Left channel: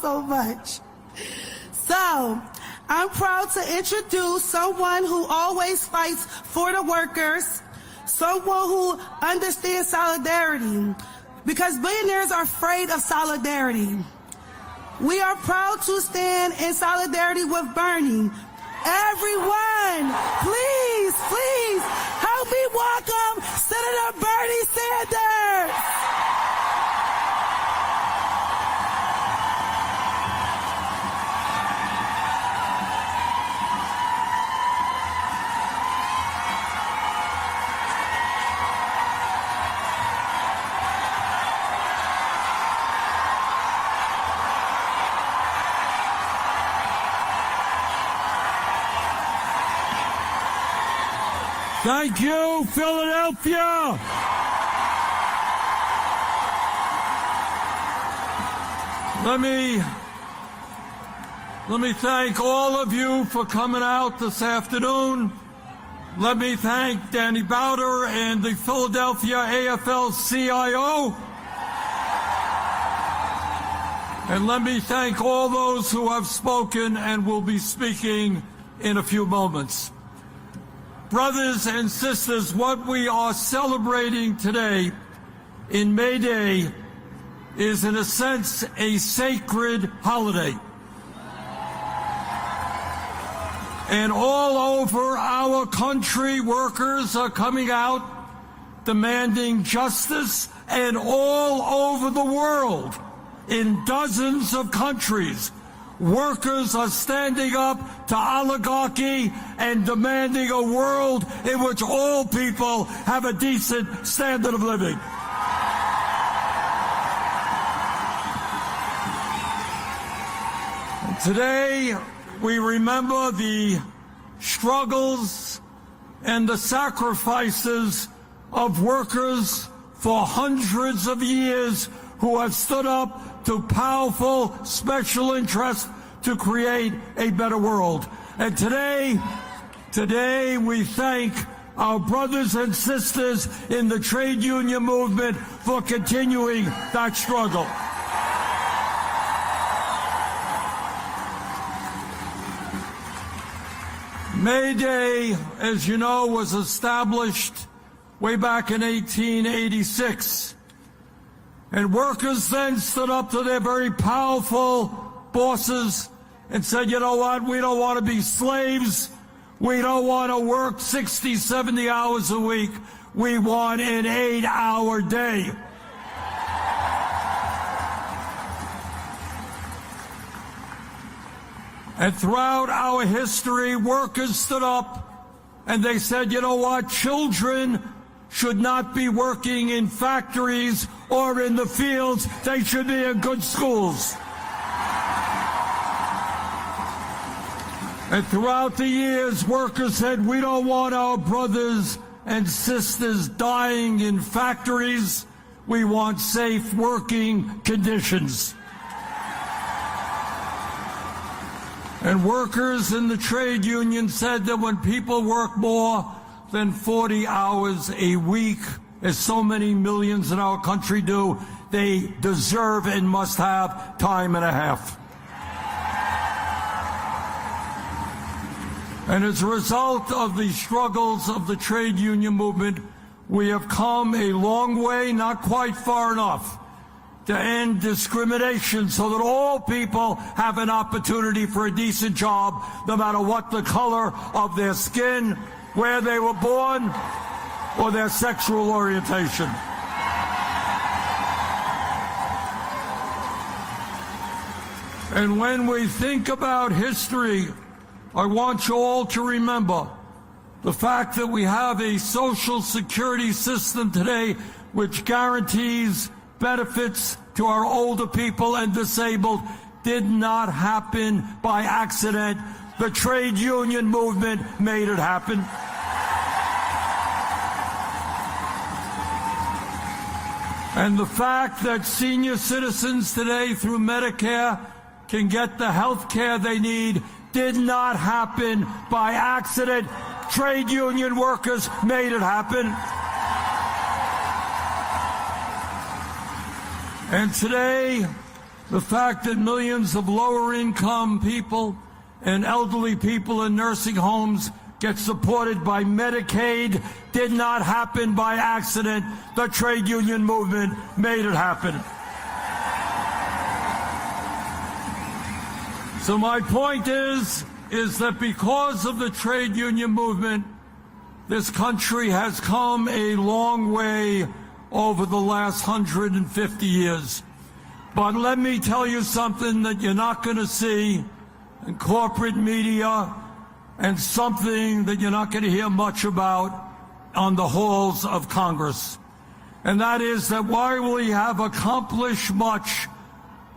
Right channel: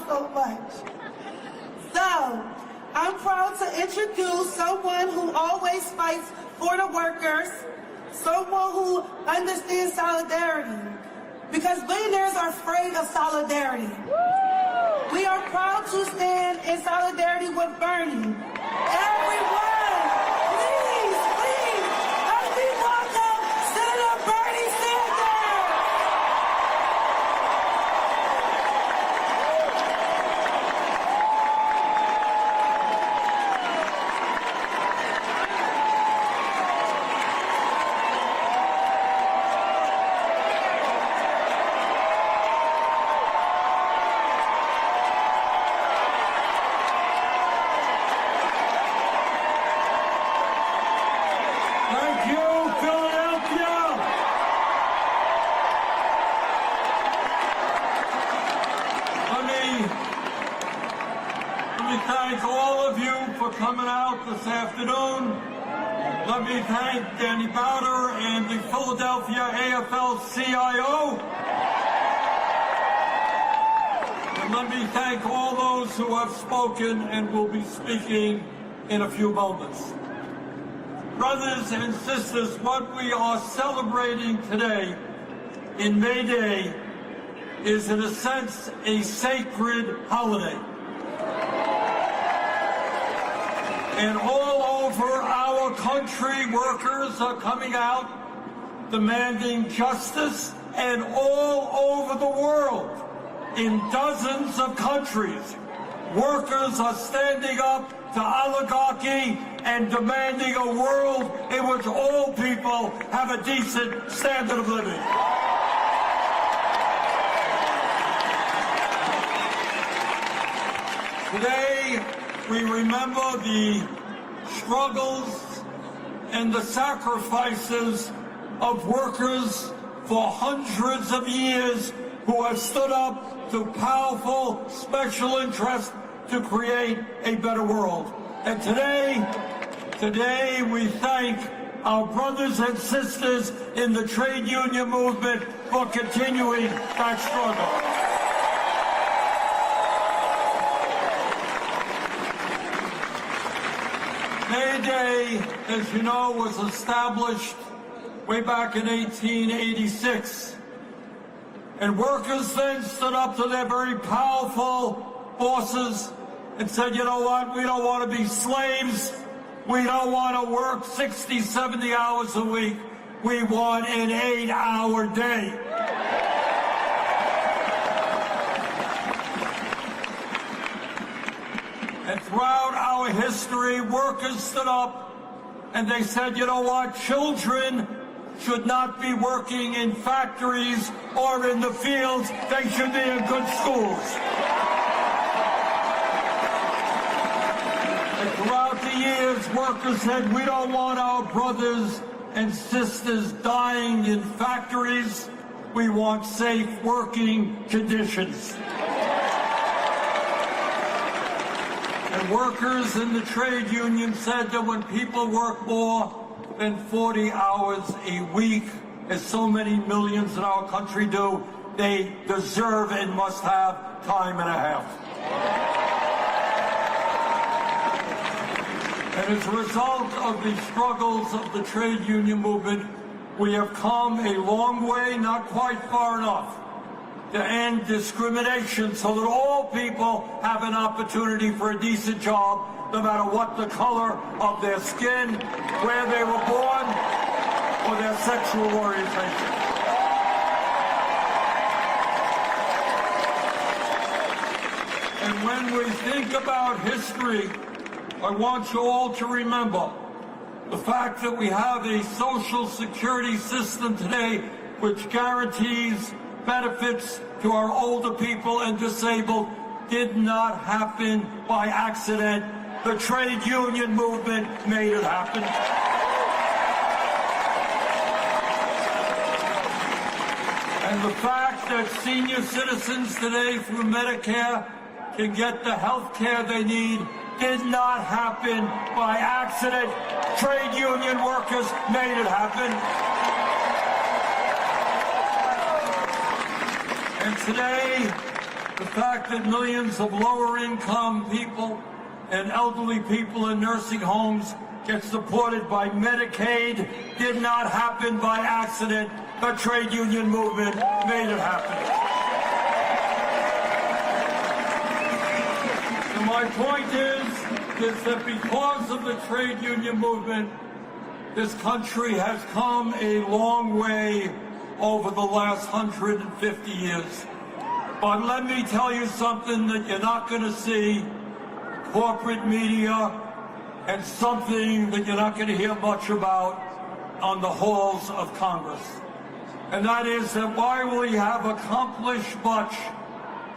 so much. So, I'm proud to introduce someone who always fights for the workers, someone who understands solidarity, because billionaires are afraid of solidarity. We are proud to stand in solidarity with Bernie. Everyone, please, please, help me welcome Senator Bernie Sanders. Thank you, Philadelphia! Let me thank all of you for coming out this afternoon. Let me thank Danny Bowder and the Philadelphia AFL-CIO. And let me thank all those who have spoken and will be speaking in a few moments. Brothers and sisters, what we are celebrating today in May Day is, in a sense, a sacred holiday. And all over our country, workers are coming out demanding justice, and all over the world, in dozens of countries, workers are standing up to oligarchy and demanding a world in which all people have a decent standard of living. Today, we remember the struggles and the sacrifices of workers for hundreds of years who have stood up to powerful special interests to create a better world. And today we thank our brothers and sisters in the trade union movement for continuing that struggle. May Day, as you know, was established way back in 1886. And workers then stood up to their very powerful bosses and said, you know what, we don't want to be slaves. We don't want to work 60, 70 hours a week. We want an 8-hour day. And throughout our history, workers stood up and they said, you know what, children should not be working in factories or in the fields. They should be in good schools. And throughout the years, workers said, we don't want our brothers and sisters dying in factories. We want safe working conditions. And workers in the trade union said that when people work more than 40 hours a week, as so many millions in our country do, they deserve and must have time and a half. And as a result of the struggles of the trade union movement, we have come a long way, not quite far enough, to end discrimination so that all people have an opportunity for a decent job, no matter what the color of their skin, where they were born, or their sexual orientation. And when we think about history, I want you all to remember the fact that we have a social security system today which guarantees benefits to our older people and disabled did not happen by accident. The trade union movement made it happen. And the fact that senior citizens today through Medicare can get the health care they need did not happen by accident. Trade union workers made it happen. And The fact that millions of lower-income people and elderly people in nursing homes get supported by Medicaid did not happen by accident. The trade union movement made it happen. So my point is that because of the trade union movement, this country has come a long way over the last 150 years. But let me tell you something that you're not going to see in corporate media, and something that you're not going to hear much about on the halls of Congress. And that is that while we have accomplished much,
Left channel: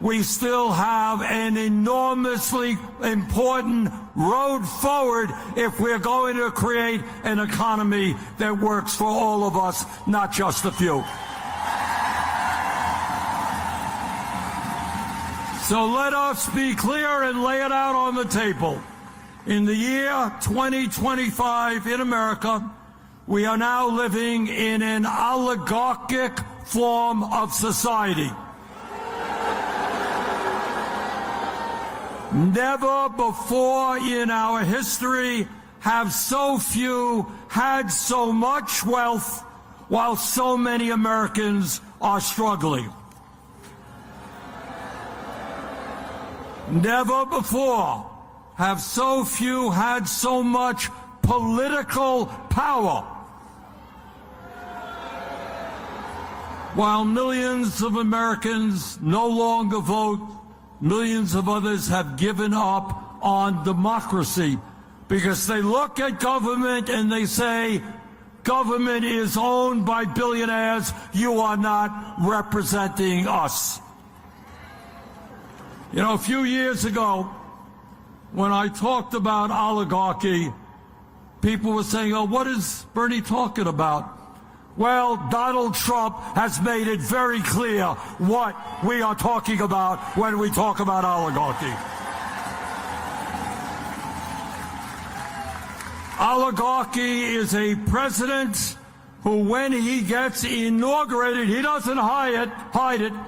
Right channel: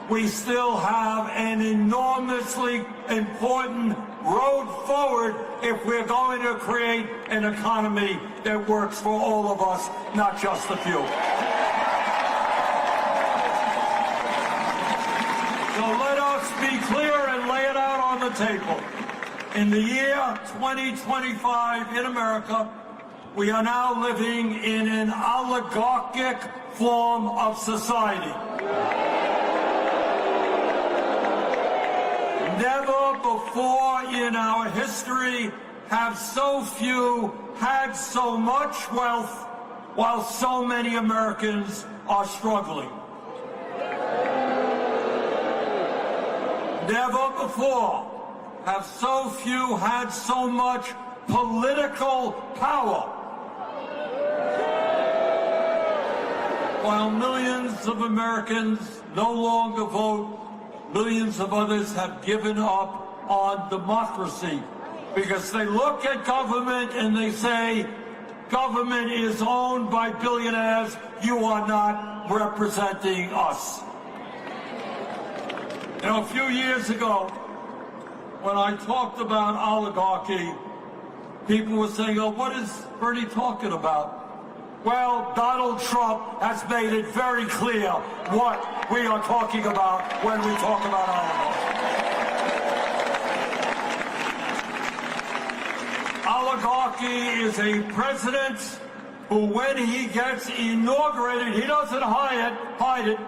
we still have an enormously important road forward if we're going to create an economy that works for all of us, not just a few. So let us be clear and lay it out on the table. In the year 2025 in America, we are now living in an oligarchic form of society. Never before in our history have so few had so much wealth while so many Americans are struggling. Never before have so few had so much political power, while millions of Americans no longer vote. Millions of others have given up on democracy because they look at government and they say, government is owned by billionaires, you are not representing us. You know, a few years ago, when I talked about oligarchy, people were saying, oh, what is Bernie talking about? Well, Donald Trump has made it very clear what we are talking about when we talk about oligarchy. Oligarchy is a president who, when he gets inaugurated, he doesn't hide it.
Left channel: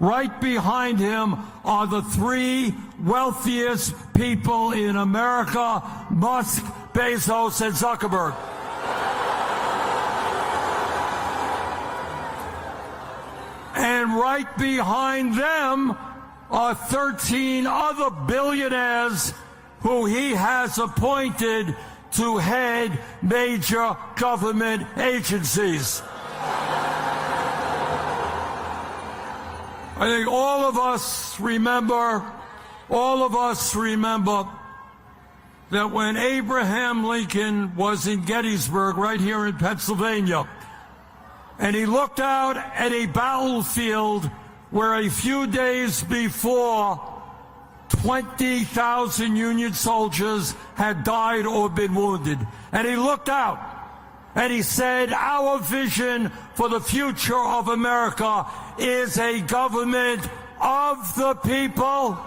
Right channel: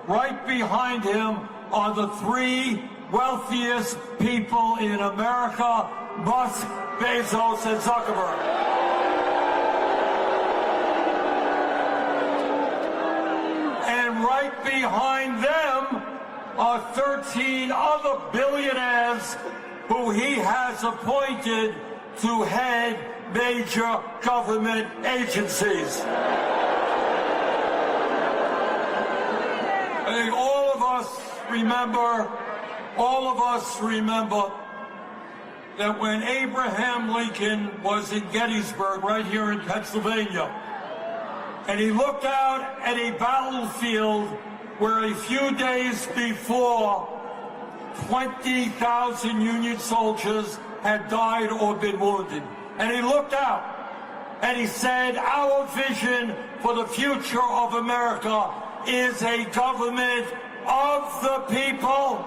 Right behind him are the three wealthiest people in America: Musk, Bezos, and Zuckerberg. And right behind them are 13 other billionaires who he has appointed to head major government agencies. I think all of us remember that when Abraham Lincoln was in Gettysburg, right here in Pennsylvania, and he looked out at a battlefield where a few days before 20,000 Union soldiers had died or been wounded. And he looked out and he said, our vision for the future of America is a government of the people,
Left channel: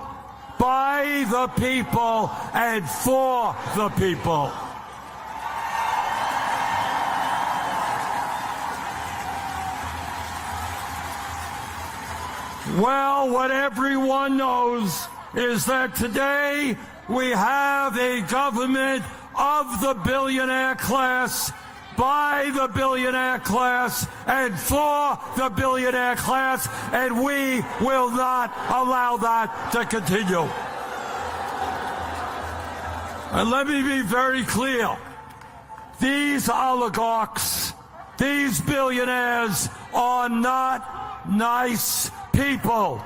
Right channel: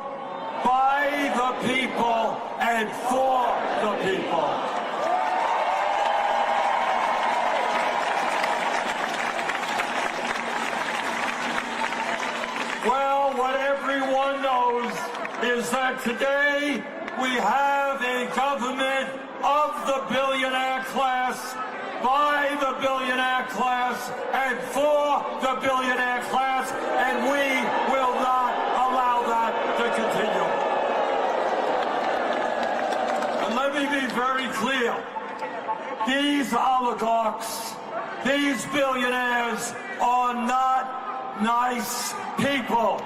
by the people, and for the people. Well, what everyone knows is that today we have a government of the billionaire class, by the billionaire class, and for the billionaire class, and we will not allow that to continue. And let me be very clear. These oligarchs, these billionaires are not nice people.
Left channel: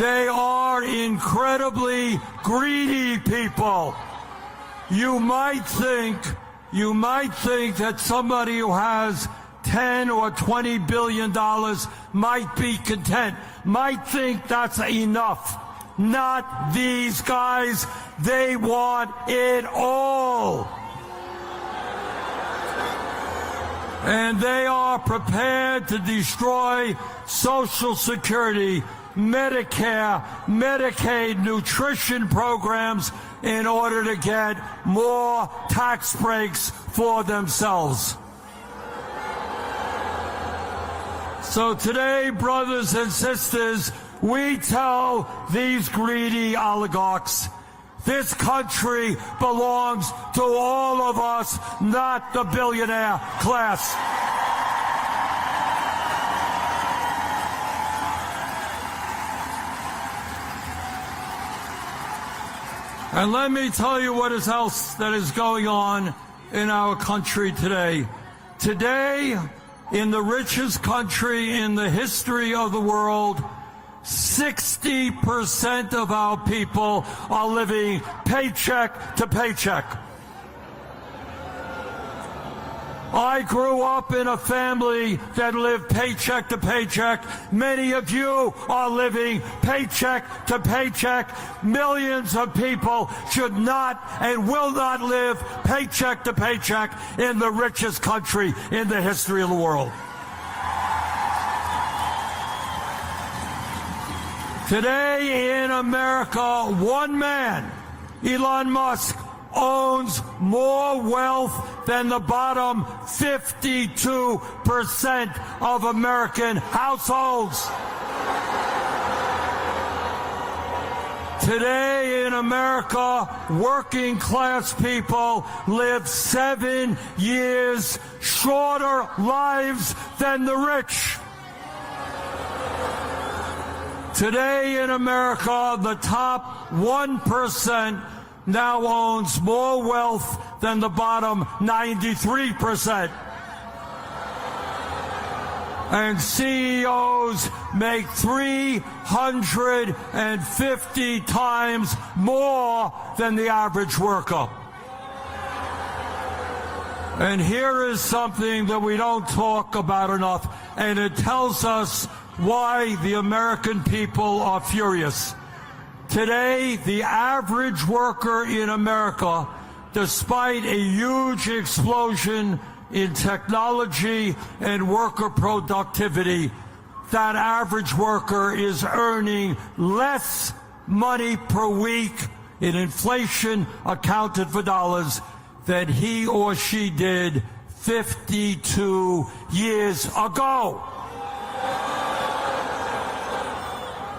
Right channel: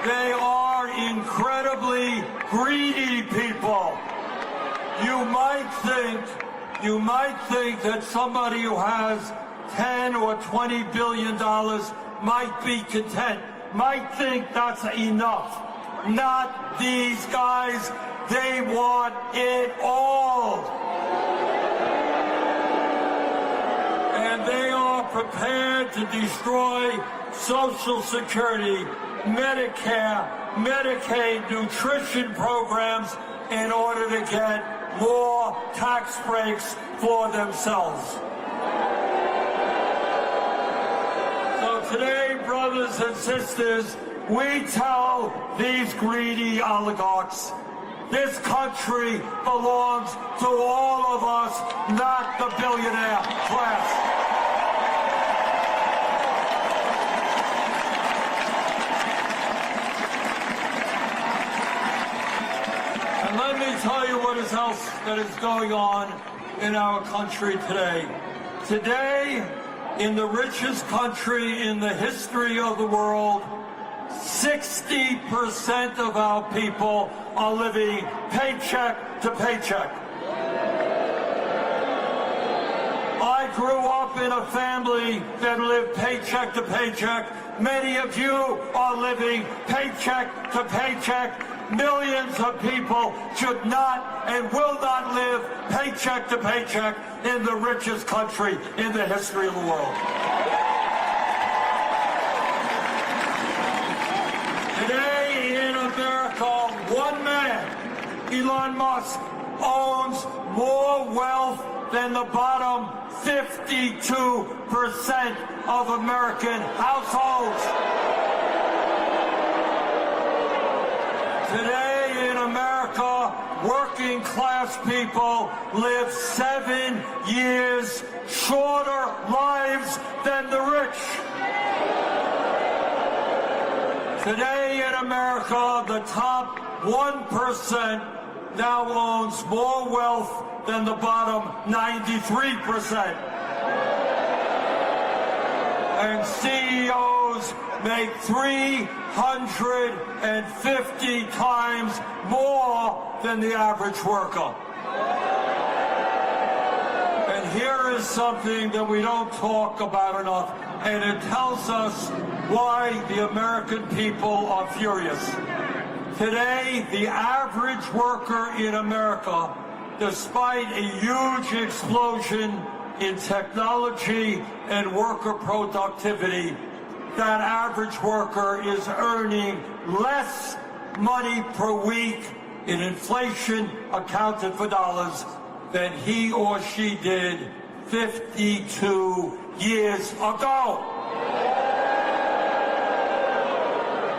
They are incredibly greedy people. You might think that somebody who has 10 or 20 billion dollars might be content, might think that's enough. Not these guys. They want it all. And they are prepared to destroy Social Security, Medicare, Medicaid, nutrition programs in order to get more tax breaks for themselves. So today, brothers and sisters, we tell these greedy oligarchs, this country belongs to all of us, not the billionaire class. And let me tell you what else that is going on in our country today. Today, in the richest country in the history of the world, 60% of our people are living paycheck to paycheck. I grew up in a family that lived paycheck to paycheck. Many of you are living paycheck to paycheck. Millions of people should not and will not live paycheck to paycheck in the richest country in the history of the world. Today in America, one man, Elon Musk, owns more wealth than the bottom 52% of American households. Today in America, working class people live 7 years shorter lives than the rich. Today in America, the top 1% now owns more wealth than the bottom 93%. And CEOs make 350 times more than the average worker. And here is something that we don't talk about enough, and it tells us why the American people are furious. Today, the average worker in America, despite a huge explosion in technology and worker productivity, that average worker is earning less money per week in inflation accounted for dollars than he or she did 52 years ago.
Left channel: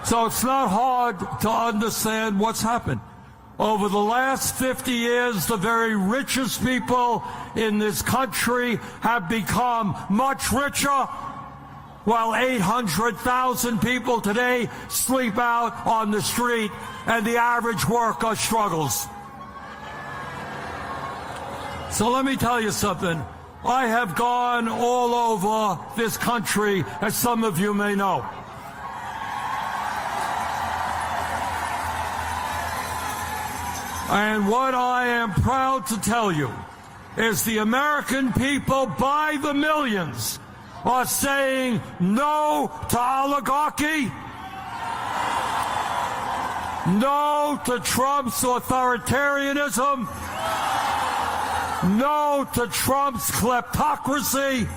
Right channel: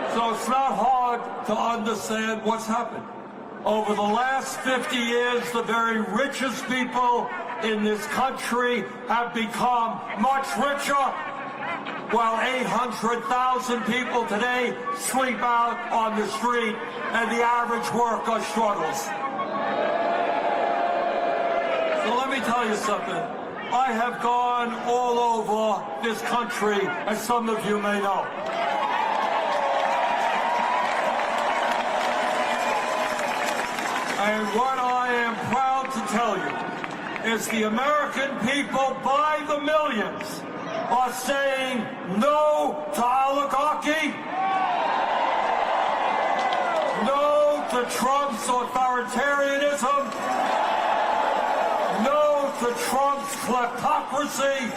So it's not hard to understand what's happened. Over the last 50 years, the very richest people in this country have become much richer, while 800,000 people today sleep out on the street and the average worker struggles. So let me tell you something. I have gone all over this country, as some of you may know. And what I am proud to tell you is the American people, by the millions, are saying no to oligarchy, no to Trump's authoritarianism, no to Trump's kleptocracy,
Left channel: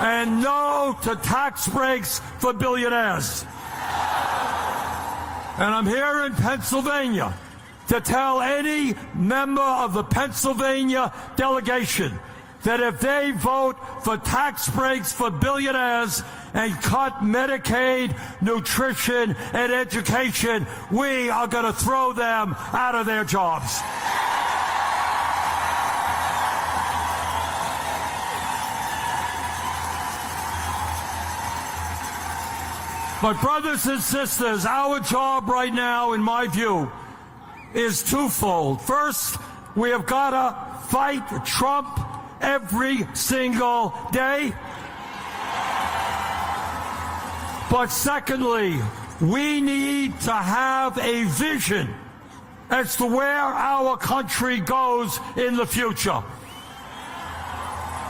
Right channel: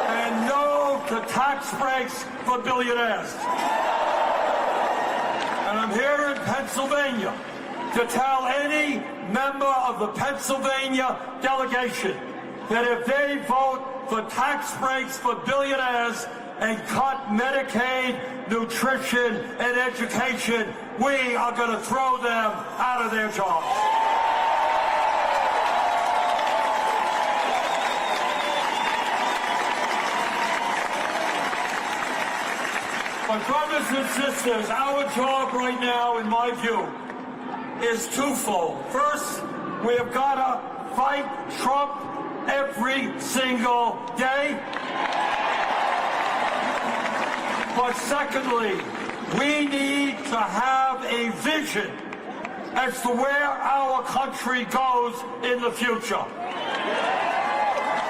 and no to tax breaks for billionaires. And I'm here in Pennsylvania to tell any member of the Pennsylvania delegation that if they vote for tax breaks for billionaires and cut Medicaid, nutrition, and education, we are going to throw them out of their jobs. But brothers and sisters, our job right now, in my view, is twofold. First, we have got to fight Trump every single day. But secondly, we need to have a vision as to where our country goes in the future.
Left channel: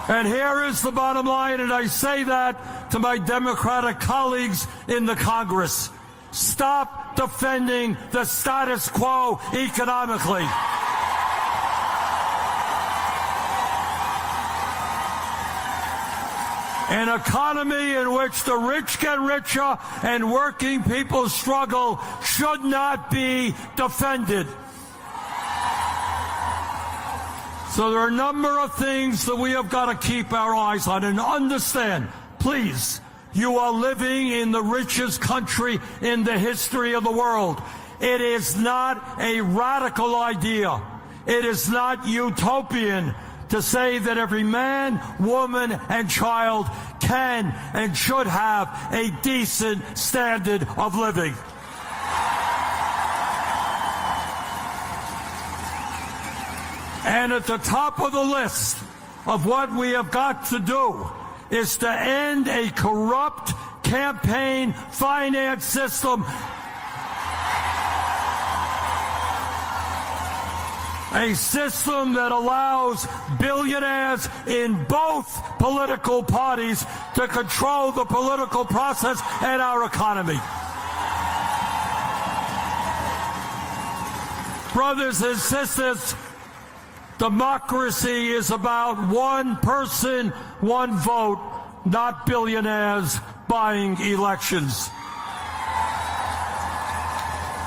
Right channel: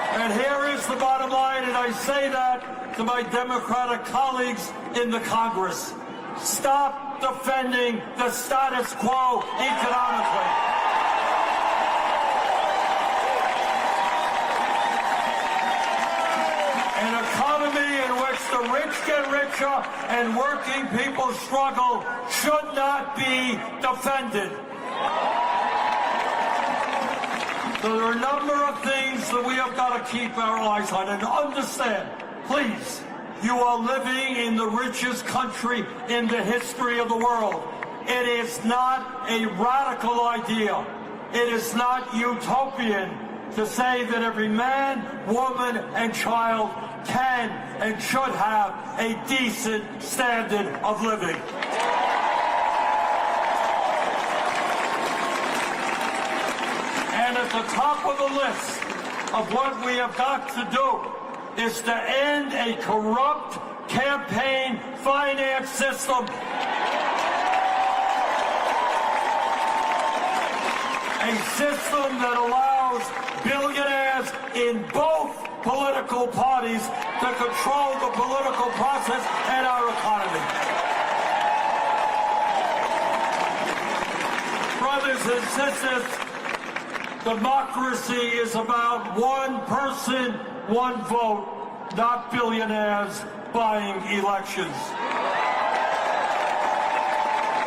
And here is the bottom line, and I say that to my Democratic colleagues in the Congress. Stop defending the status quo economically. An economy in which the rich get richer and working people struggle should not be defended. So there are a number of things that we have got to keep our eyes on. And understand, please, you are living in the richest country in the history of the world. It is not a radical idea. It is not utopian to say that every man, woman, and child can and should have a decent standard of living. And at the top of the list of what we have got to do is to end a corrupt campaign finance system. A system that allows billionaires in both political parties to control the political process and our economy. Brothers and sisters, democracy is about one person, one vote, not billionaires buying elections.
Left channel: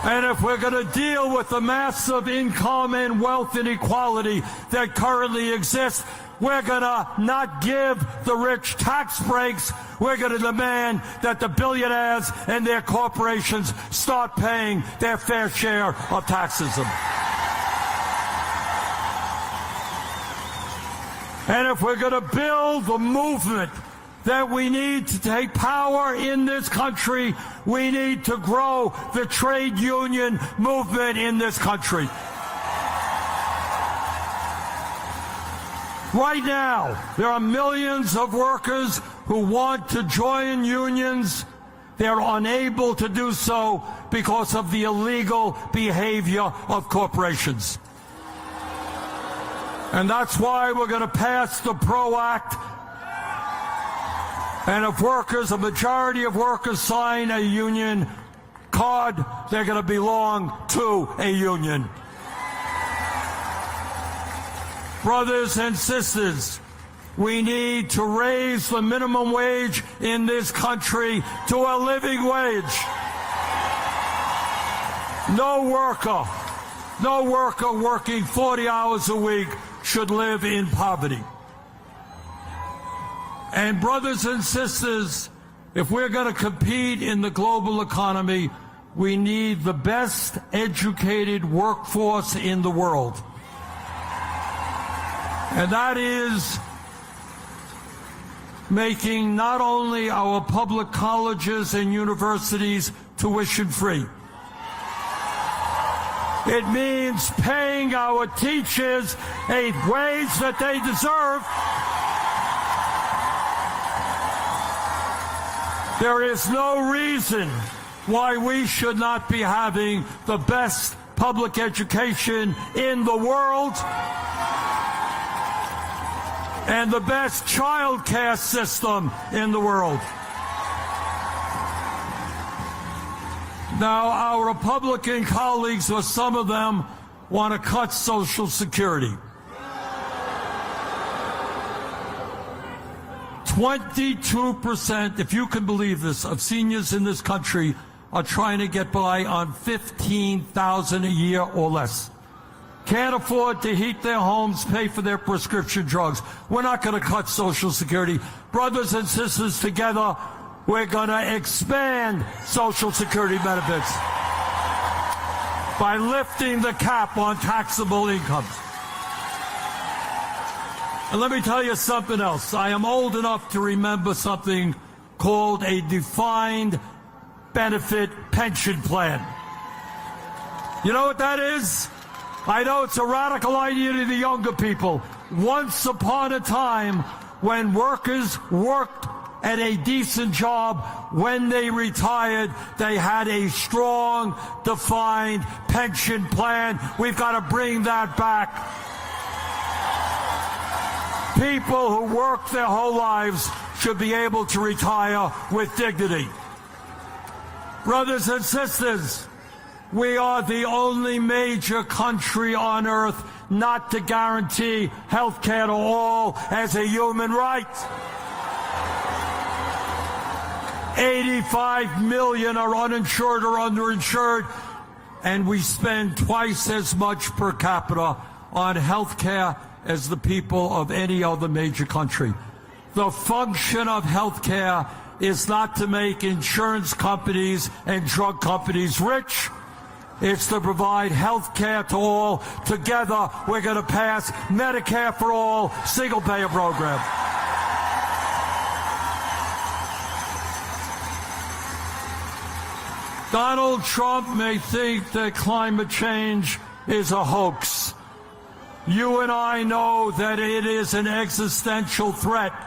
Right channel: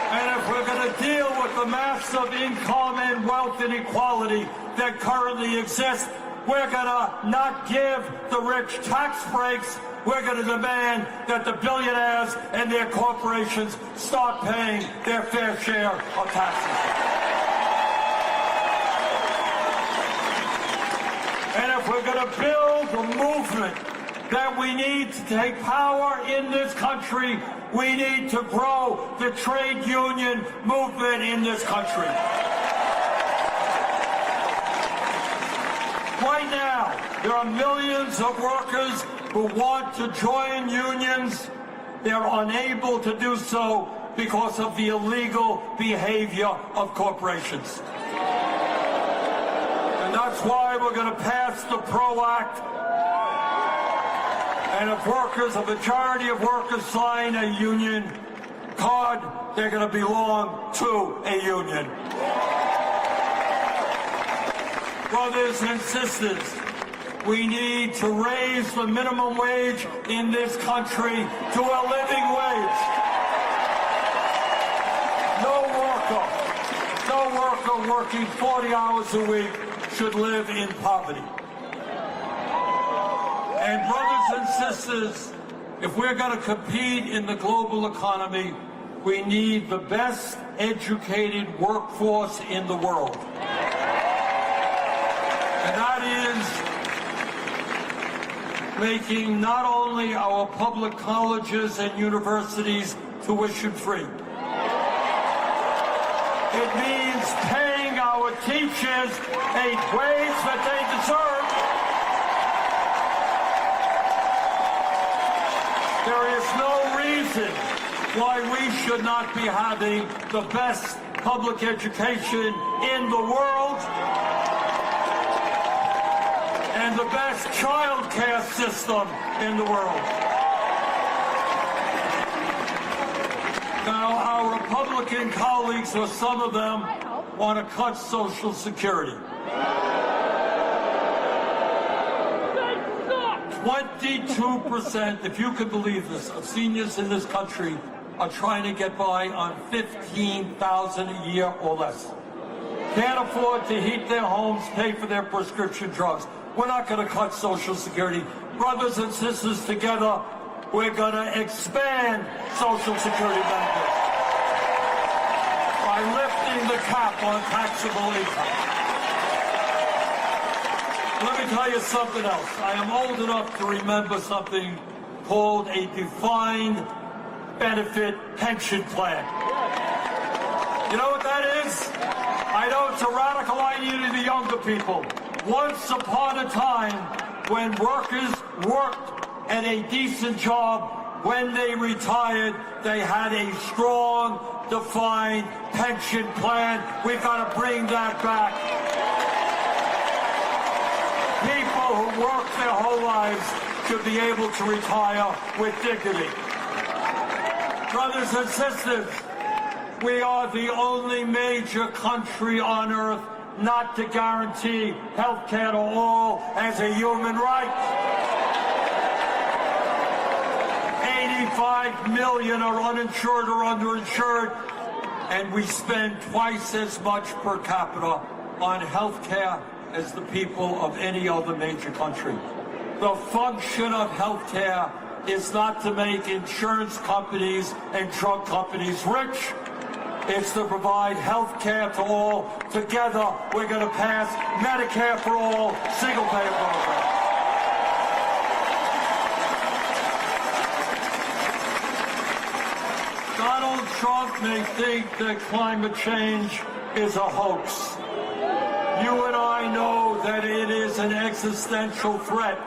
And if we're going to deal with the massive income and wealth inequality that currently exists, we're going to not give the rich tax breaks. We're going to demand that the billionaires and their corporations start paying their fair share of taxes. And if we're going to build the movement that we need to take power in this country, we need to grow the trade union movement in this country. Right now, there are millions of workers who want to join unions. They're unable to do so because of the illegal behavior of corporations. And that's why we're going to pass the PRO Act. And if workers, a majority of workers sign a union card, they're going to belong to a union. Brothers and sisters, we need to raise the minimum wage in this country to a living wage. No worker working 40 hours a week should live in poverty. And brothers and sisters, if we're going to compete in the global economy, we need the best educated workforce in the world. And that is making not only our public colleges and universities tuition-free. It means paying our teachers a wage that they deserve. There is no reason why we should not be having the best public education in the world and the best child care system in the world. Now, our Republican colleagues, or some of them, want to cut Social Security. 22%, if you can believe this, of seniors in this country are trying to get by on $15,000 a year or less. Can't afford to heat their homes, pay for their prescription drugs. We're not going to cut Social Security. Brothers and sisters, together, we're going to expand Social Security benefits by lifting the cap on taxable income. And let me tell you something else. I am old enough to remember something called a defined benefit pension plan. You know what that is? I know it's a radical idea to the younger people. Once upon a time, when workers worked at a decent job, when they retired, they had a strong, defined pension plan. We've got to bring that back. People who work their whole lives should be able to retire with dignity. Brothers and sisters, we are the only major country on earth not to guarantee health care to all as a human right. 85 million are uninsured or underinsured, and we spend twice as much per capita on health care as the people of any other major country. The function of health care is not to make insurance companies and drug companies rich. It's to provide health care to all. Together, we're going to pass Medicare for all, single-payer program. Donald Trump may think that climate change is a hoax. You and I know that it is an existential threat.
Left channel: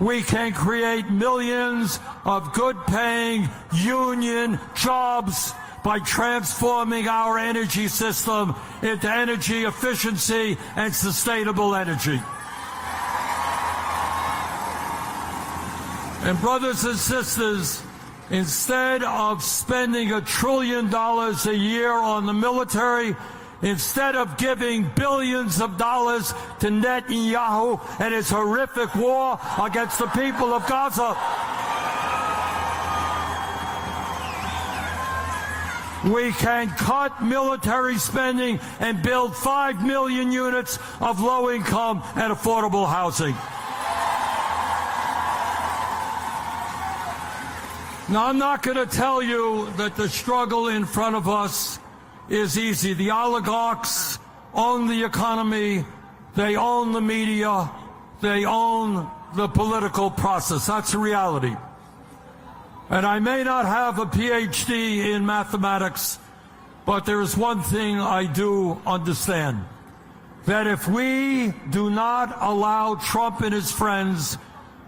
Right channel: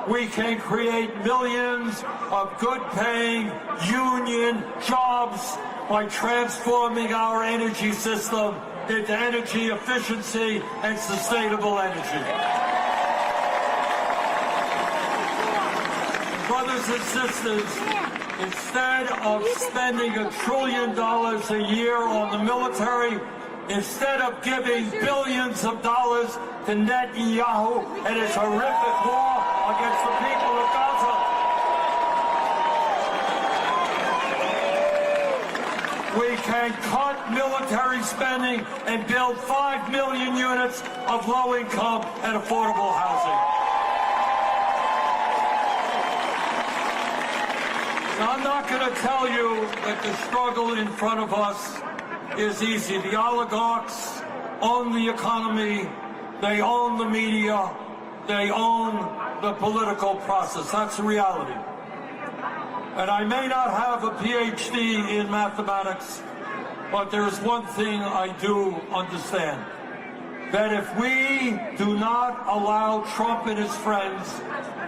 We can create millions of good-paying union jobs by transforming our energy system into energy efficiency and sustainable energy. And brothers and sisters, instead of spending $1 trillion a year on the military, instead of giving billions of dollars to Netanyahu and his horrific war against the people of Gaza, we can cut military spending and build 5 million units of low-income and affordable housing. Now, I'm not going to tell you that the struggle in front of us is easy. The oligarchs own the economy, they own the media, they own the political process. That's a reality. And I may not have a PhD in mathematics, but there's one thing I do understand. That if we do not allow Trump and his friends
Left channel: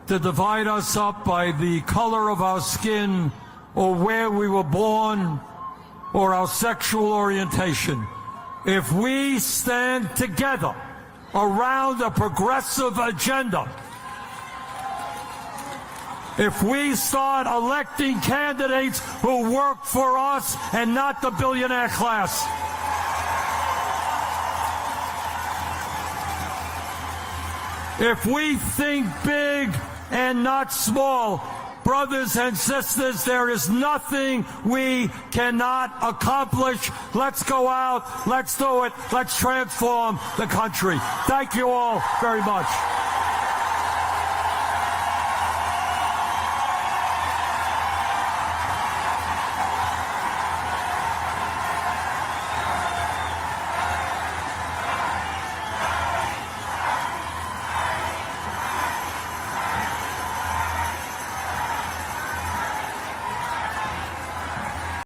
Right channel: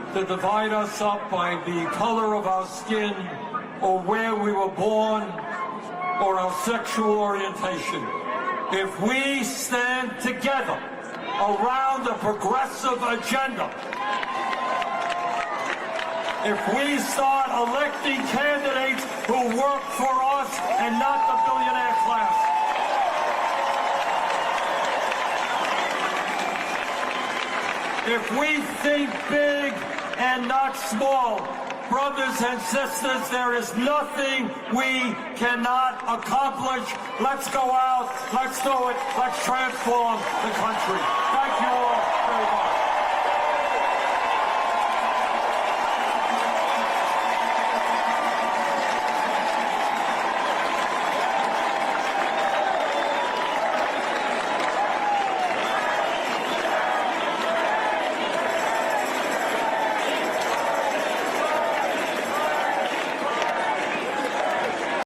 to divide us up by the color of our skin or where we were born or our sexual orientation, if we stand together around a progressive agenda, if we start electing candidates who work for us and not the billionaire class, if we think big and not small, brothers and sisters, there is nothing we cannot accomplish. Let's go out, let's do it, let's transform the country. Thank you all very much.